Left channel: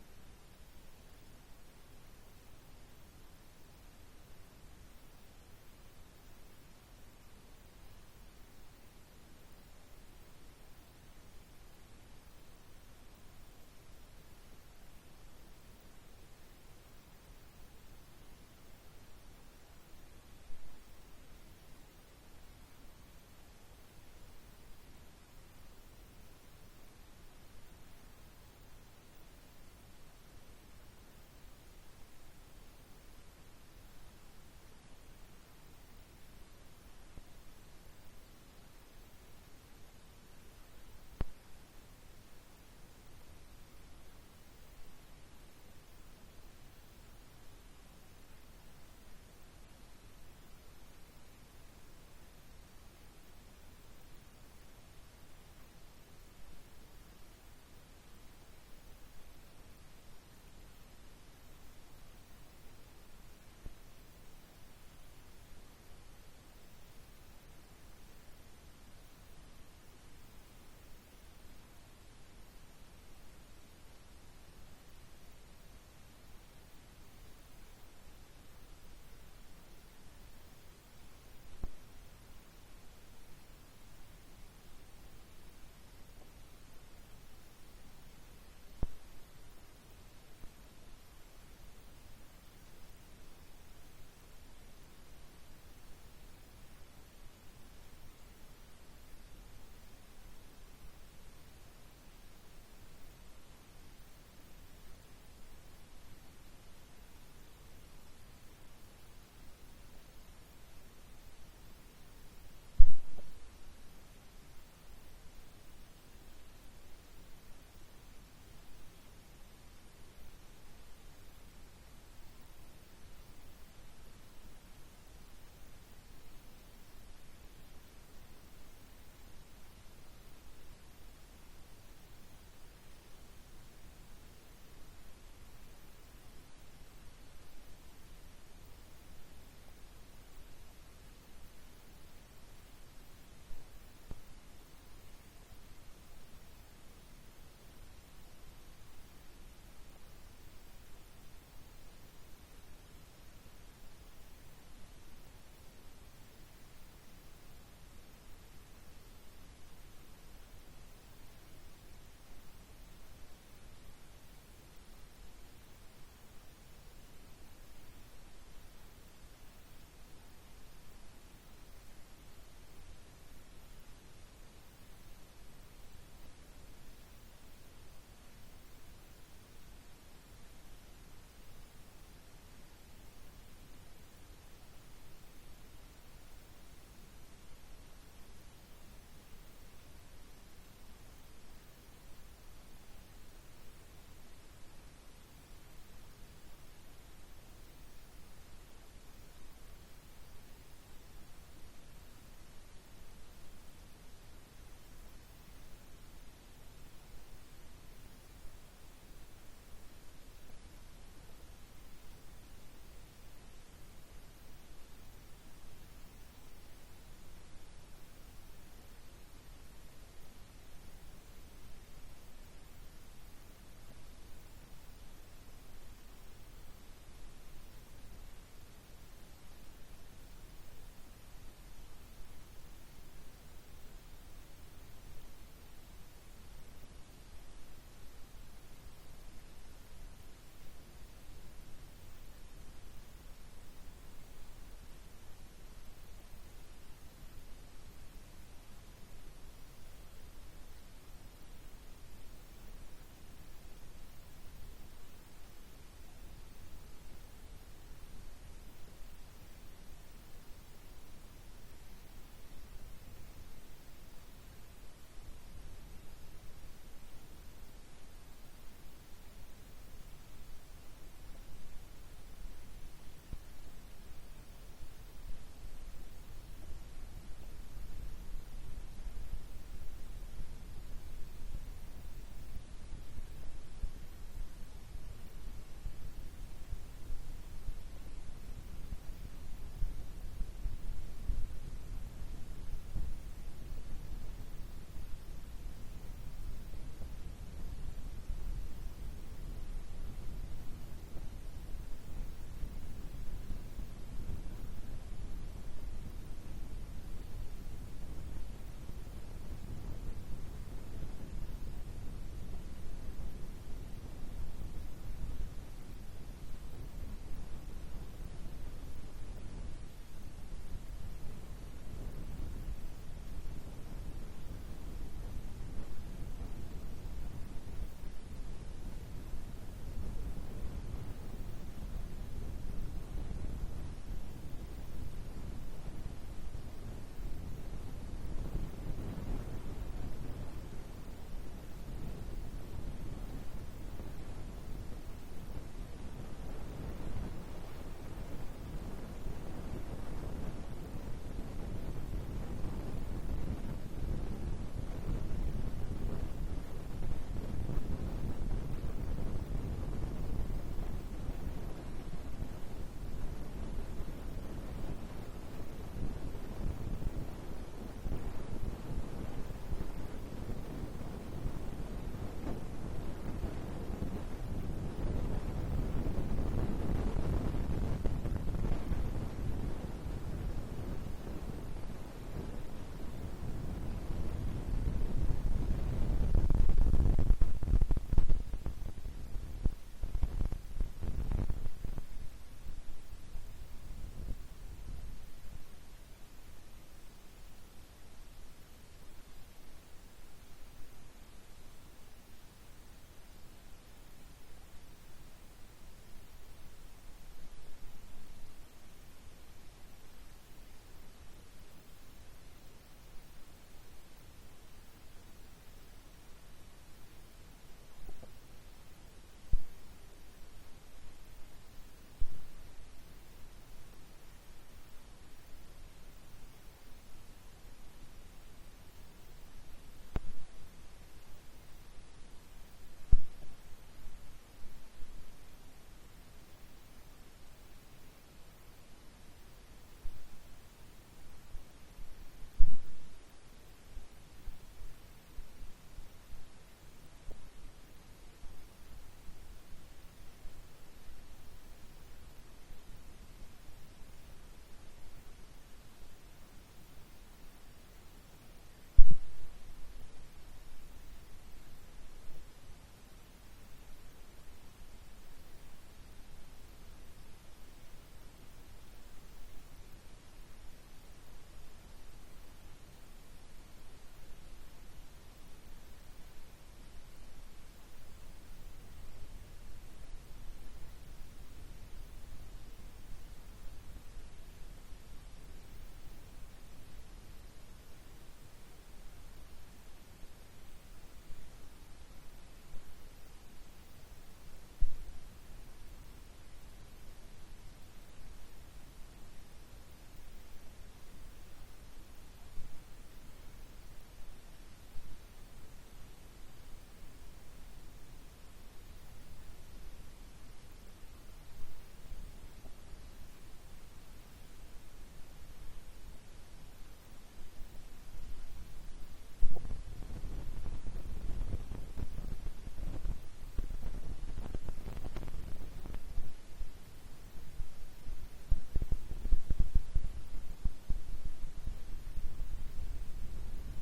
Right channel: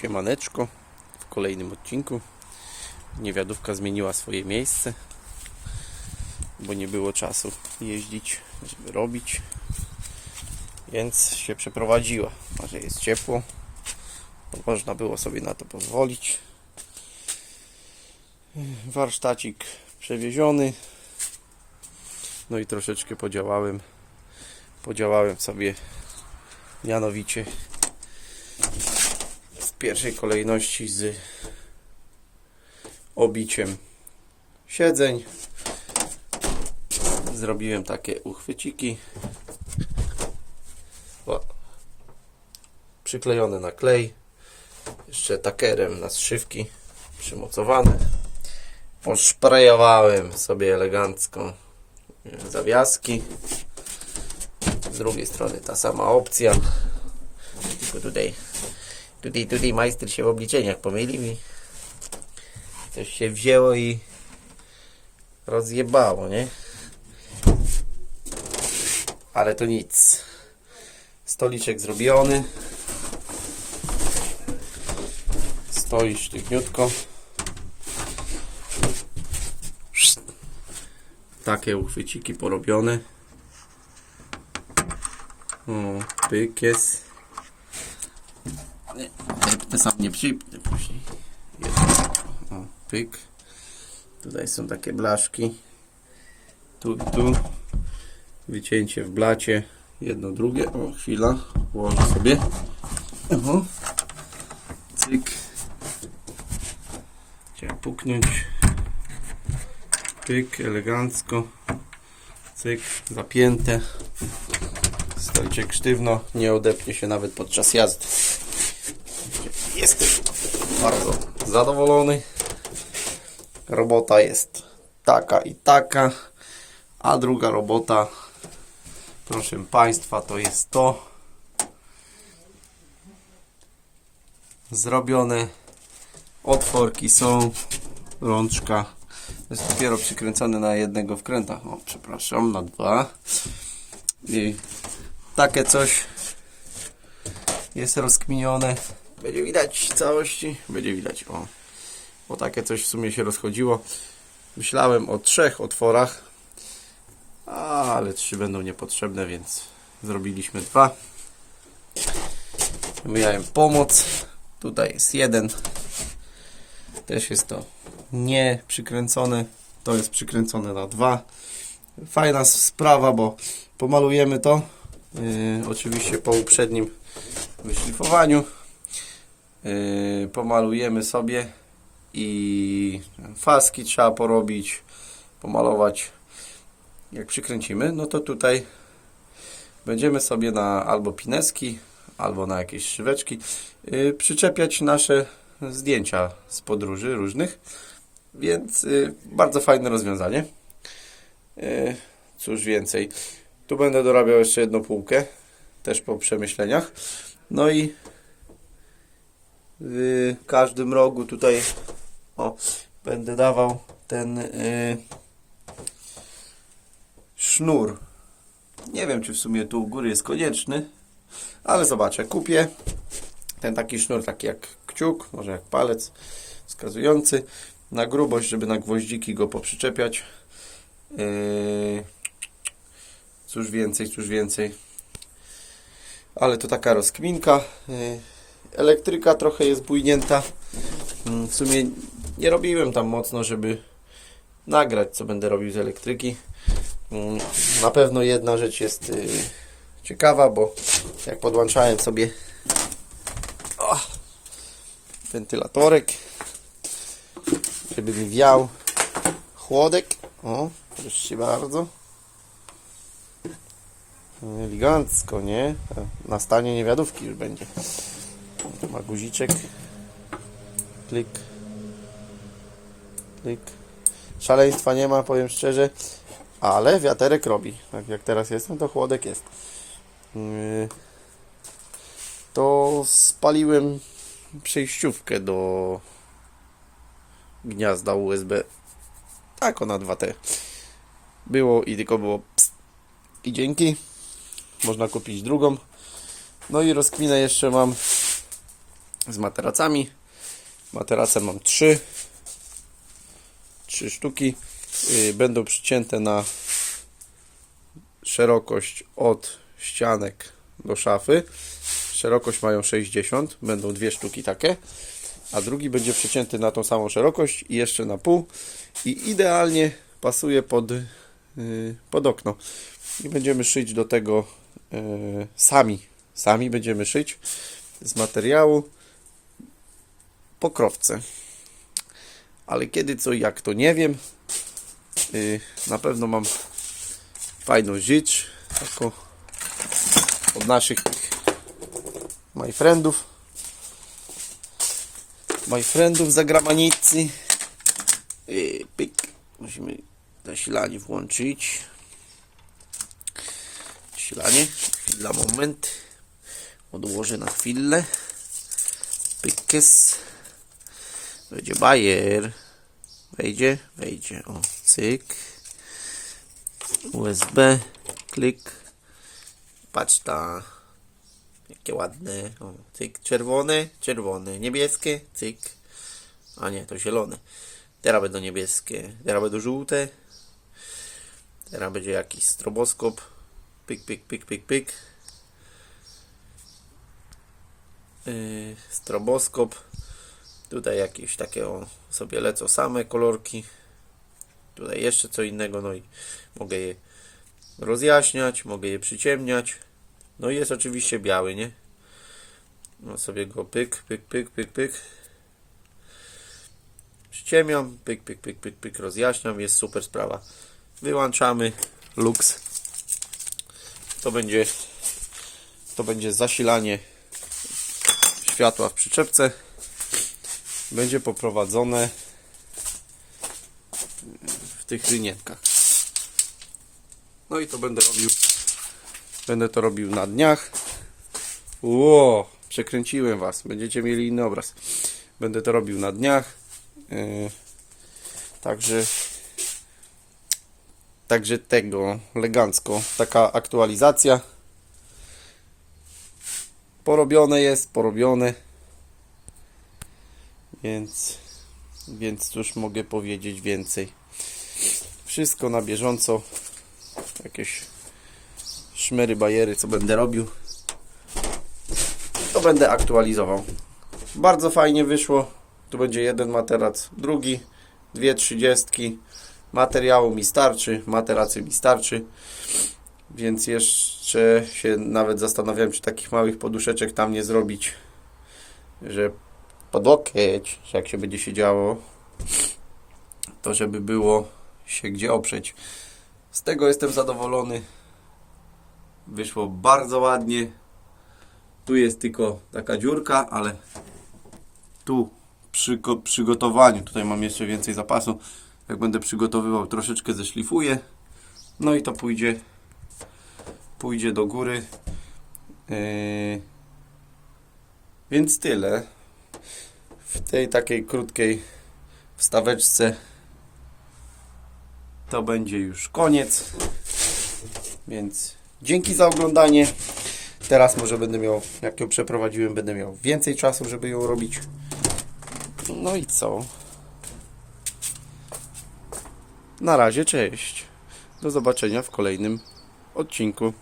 Siemaneczko w kolejnym odcinku. Niewiadówka zmieniła swoje miejsce, bo nie było czasu jeździć, żeby robić, więc się przeprowadziła. A że jest ciepło, można było sobie na to pozwolić. Warsztacik przewieziony. No i troszeczkę podziałałem. Podziałałem sobie mianowicie pierwszej kolejności z obiciem siedzeń. Zrobiłem takie uchwyciki. O, przyklejone na klej. Jeszcze takerem na zszywki przymocowane. Poszprejowałem sobie elegancko zawiaski. Z drugiej strony ta sama opcja. Tylko tutaj Tutaj, tutaj majster się w obliczeniach pomylił i coś się wzięło i rozjebało, nie? Ale to nic. Stoliczek zrobiony. Stoi sztywniutko. Takie uchwyciki porobione. O, pyk jest. Te sam nie przypnę później. O, pyk. Tutaj są takie blaszki. Tu, tu. Wycięcie w blacie. Jedno, drugie. O, chwila. Położę sobie. O. Cyk. Chciałem puknąć. Pyk, elegancko. Cyk, zapięte. Stoliczek sztywno. Nie odepnie się nawet podczas jazdy. Jestem bardzo zadowolony. Robota jest taka i taka. A druga robota, proszę Państwa, to jest to. Zrobione. Otworki są. Rączka. Jest dopiero przykręcone na jednego wkręta. O, przepraszam, na dwa. I takie coś jest rozkminione. Będzie widać całości. Będzie widać, o. Bo takie coś w sumie się rozchodziło. Myślałem o trzech otworach. Ale trzy będą niepotrzebne, więc zrobiliśmy dwa. Miałem pomoc. Tutaj jest jeden. Też jest to nie przykręcone. To jest przykręcone na dwa. Fajna sprawa, bo pomalujemy to. Yy, oczywiście po uprzednim wyszlifowaniu. Yy, pomalujemy sobie i faski trzeba porobić, pomalować. Jak przykręcimy, no to tutaj będziemy sobie na albo pineski, albo na jakieś szyweczki yy, przyczepiać nasze zdjęcia z podróży różnych. Więc bardzo fajne rozwiązanie. Cóż więcej. Tu będę dorabiał jeszcze jedną półkę, też po przemyśleniach. No i w każdym rogu tutaj o, będę dawał ten y, sznur. Nie wiem, czy w sumie tu u góry jest konieczny, ale zobaczę. Kupię ten taki sznur, taki jak kciuk, może jak palec wskazujący na grubość, żeby na gwoździki go poprzyczepiać. Yy, cóż więcej, cóż więcej. Ale to taka rozkminka. Yy, elektryka trochę jest bujnięta. Mm, W sumie nie robiłem tam mocno, żeby nagrać, co będę robił z elektryki. Mm, Na pewno jedna rzecz jest yy, ciekawa, bo jak podłączałem sobie wentylatorek, żeby mi wiał chłodek. O, proszę bardzo. Elegancko, nie? Na stanie niewiadówki już będzie. Tu ma guziczek. Klik. Klik. Szaleństwa nie ma, powiem szczerze. Ale wiaterek robi. Tak jak teraz jestem, to chłodek jest. Yy, To spaliłem przejściówkę do gniazda USB. Tak, ona 2T. Było i tylko było pst. I dzięki. Można kupić drugą. No i rozkminę jeszcze mam z materacami. Materace mam trzy. Trzy sztuki. Yy, Będą przycięte na szerokość od ścianek do szafy. Szerokość mają 60, będą dwie sztuki takie, a drugi będzie przycięty na tą samą szerokość i jeszcze na pół i idealnie pasuje pod, yy, pod okno. I będziemy szyć do tego sami, sami będziemy szyć z materiału pokrowce. Ale kiedy co i jak to nie wiem. Yy, na pewno mam fajną rzecz taką od naszych my friendów my friendów z zagranicy I pyk musimy zasilanie włączyć zasilanie dla moment. Odłożę na chwilę. Pykes. Będzie bajer wejdzie, wejdzie. O cyk. USB, klik, patrz ta, jakie ładne, o, cyk, czerwone, czerwone, niebieskie, cyk, a nie, to zielone, teraz będą niebieskie, teraz będą żółte, teraz będzie jakiś stroboskop, pyk, pyk, pyk, pyk, pyk, yy, stroboskop, tutaj jakieś takie o, sobie lecą same kolorki, tutaj jeszcze co innego, no i mogę je rozjaśniać, mogę je przyciemniać. No i jest oczywiście biały, nie? No sobie go pyk, pyk, pyk, pyk, pyk. Przyciemiam, pyk, pyk, pyk, pyk, pyk, rozjaśniam, jest super sprawa. Wyłączamy lux. To będzie to będzie zasilanie światła w przyczepce. Będzie poprowadzone w tych linietkach. No i to będę robił. Będę to robił na dniach. Ło, przekręciłem was. Będziecie mieli inny obraz. Będę to robił na dniach. Yy, także także tego elegancko. Taka aktualizacja. Porobione jest, porobione. Więc więc cóż mogę powiedzieć więcej. Wszystko na bieżąco jakieś szmery, bajery, co będę robił, to będę aktualizował. Bardzo fajnie wyszło. Tu będzie jeden materac, drugi, dwie trzydziestki. Materiału mi starczy, materacy mi starczy. Więc jeszcze się nawet zastanawiałem, czy takich małych poduszeczek tam nie zrobić, że pod łokieć, jak się będzie się działo, to żeby było się gdzie oprzeć. Z tego jestem zadowolony. Wyszło bardzo ładnie. Tu jest tylko taka dziurka, ale tu przy przygotowaniu, tutaj mam jeszcze więcej zapasu. Jak będę przygotowywał, troszeczkę zeszlifuję. No i to pójdzie pójdzie do góry. Yy, Więc tyle. W tej takiej krótkiej wstaweczce to będzie już koniec. Więc dzięki za oglądanie. Teraz może będę miał, jak ją przeprowadziłem, będę miał więcej czasu, żeby ją robić. No i co? Na razie, cześć. Do zobaczenia w kolejnym odcinku.